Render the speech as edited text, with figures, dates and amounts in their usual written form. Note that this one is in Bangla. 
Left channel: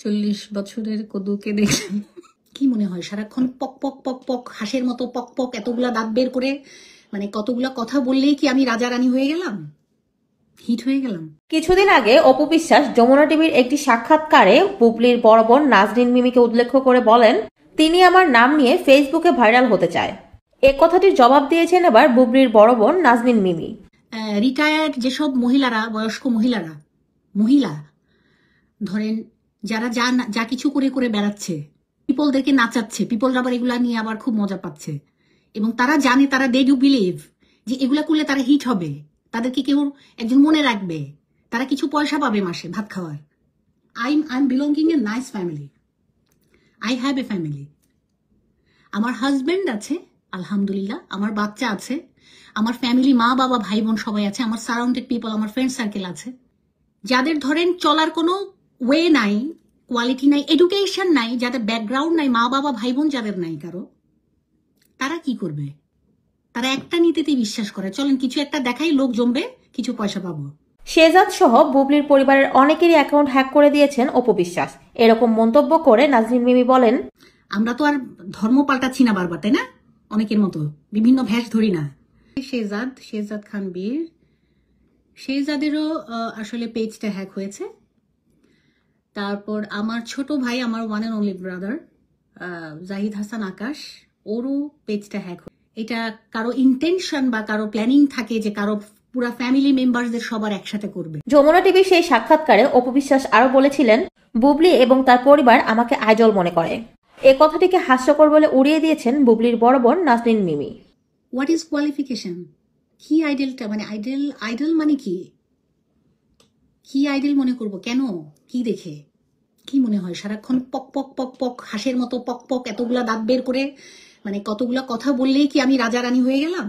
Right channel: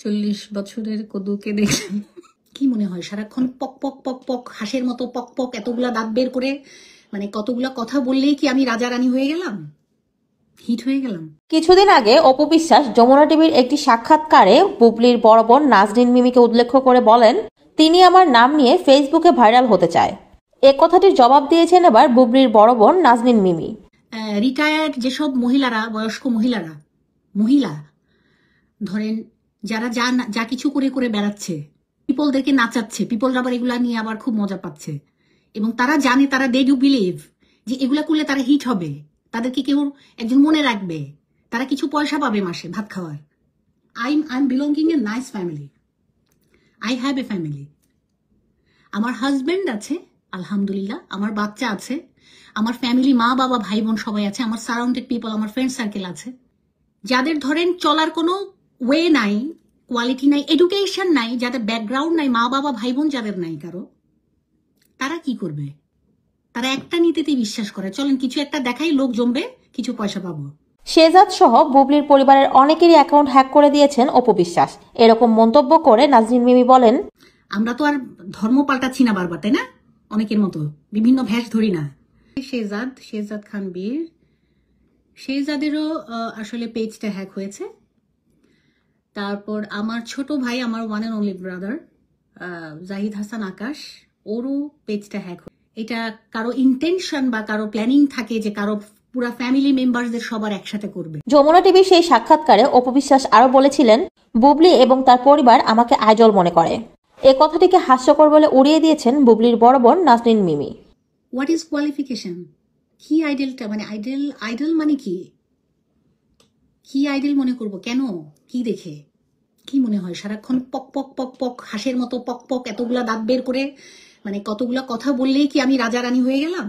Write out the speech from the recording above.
40 বছরের কদুকে দেখলাম। কি মনে হয় সারাক্ষণ পক পক পক পক হাঁসের মতো পক পক এতগুলা দাঁত বের করে মানে কতগুলা কথা বললেই কি আমি রাজা রানী হয়ে গেলাম, হিট হয়ে গেলাম? কিছুদিন আগে অপু বিশ্বাস যমুনা টিভির একটি সাক্ষাৎকারে বুবলির বড় বোন নাজনীন মিমিকে উল্লেখ করে বলেন, তিনি আমার নাম নিয়ে ফেসবুকে ভাইরাল হতে চায়। এ কথাটির জবাব দিয়েছেন এবার বুবলির বড় বোন নাজনীন মিমি। রিটায়ার্ড যেসব মহিলারা, বয়স্ক মহিলারা, মহিলা ধরেন যারা যা কিছু করে করে বেড়াচ্ছে, পিপলদেরকে নাচাচ্ছে, পিপলরা আবার এগুলা নিয়ে আবার খুব মজা পাচ্ছে, এবং তারা জানে, তারা দে ডু বিলিভ যে এগুলা করলে তারা হিট হবে, তাদেরকে কেউ একজন মনে রাখবে, তারা কিছু পয়সা পাবে মাসে ভাত খাওয়ার। I am belonging a nice family, I have a family. আমার হাজবেন্ড আছে আলহামদুলিল্লাহ, আমার বাচ্চা আছে, আমার ফ্যামিলি, মা বাবা ভাই বোন সবাই আছে, আমার সারাউন্ডেড পিপল, আমার ফ্রেন্ড সার্কেল আছে, যাদের ধরেন চলার কোনো ওয়ে নাই, কোয়ালিটি নাই, এডুকেশন নাই, যাদের ব্যাকগ্রাউন্ড নাই, মা বাবা ভাই বোন যাদের নাই কারো, তারা কি করবে? তারা একটা নীতিতে বিশ্বাস করে, চলেন কিছু একটা দেখাই, লোক জমবে, কিছু পয়সা পাবো। শেহজাদ সহ বুবলির পরিবারের অনেকেরই অ্যাকাউন্ট হ্যাক করে দিয়েছেন অপু বিশ্বাস। এরকম মন্তব্য করে নাজনীন মিমি বলেন, আমরা তো আর ধর্ম পাল্টাচ্ছি না বারবার, তাই না? অনেকের মতো বিভিন্ন ভ্যাস ধরি না। শেহজাদ খান বীর, শেহজাদেরও আসলে পেজটা হ্যাক হয়েছে। তারপর আমার ছোট ভাই, আমার one and only brother Zahid Hasan Akash, ওরও পেজটা হ্যাক হয়েছে। এটা কারো ইন্টেনশন বা কারো প্ল্যানিং থাকে যে কারো পুরা ফ্যামিলি মেম্বারদের সবার একসাথে করবে। যমুনা টিভির সেই সাক্ষাৎকারে অপু বিশ্বাস আরো বলেছিলেন, বুবলি এবং তার পরিবার আমাকে আইডল মনে করে। এ কথাটিকে হাস্যকর বলে উড়িয়ে দিয়েছেন বুবলির বড় বোন Nazneen Mimi. What is qualification? কি আইডলটা, মানে আইডল মানে কি? কি আইডল মনে করব? কেন? কি দেখে? কি মনে হয় সারাক্ষণ পক পক পক পক হাঁসের মতো পক পক এতগুলা দাঁত বের করে মানে কতগুলা কথা বললেই কি আমি রাজা রানী হয়ে গেলাম?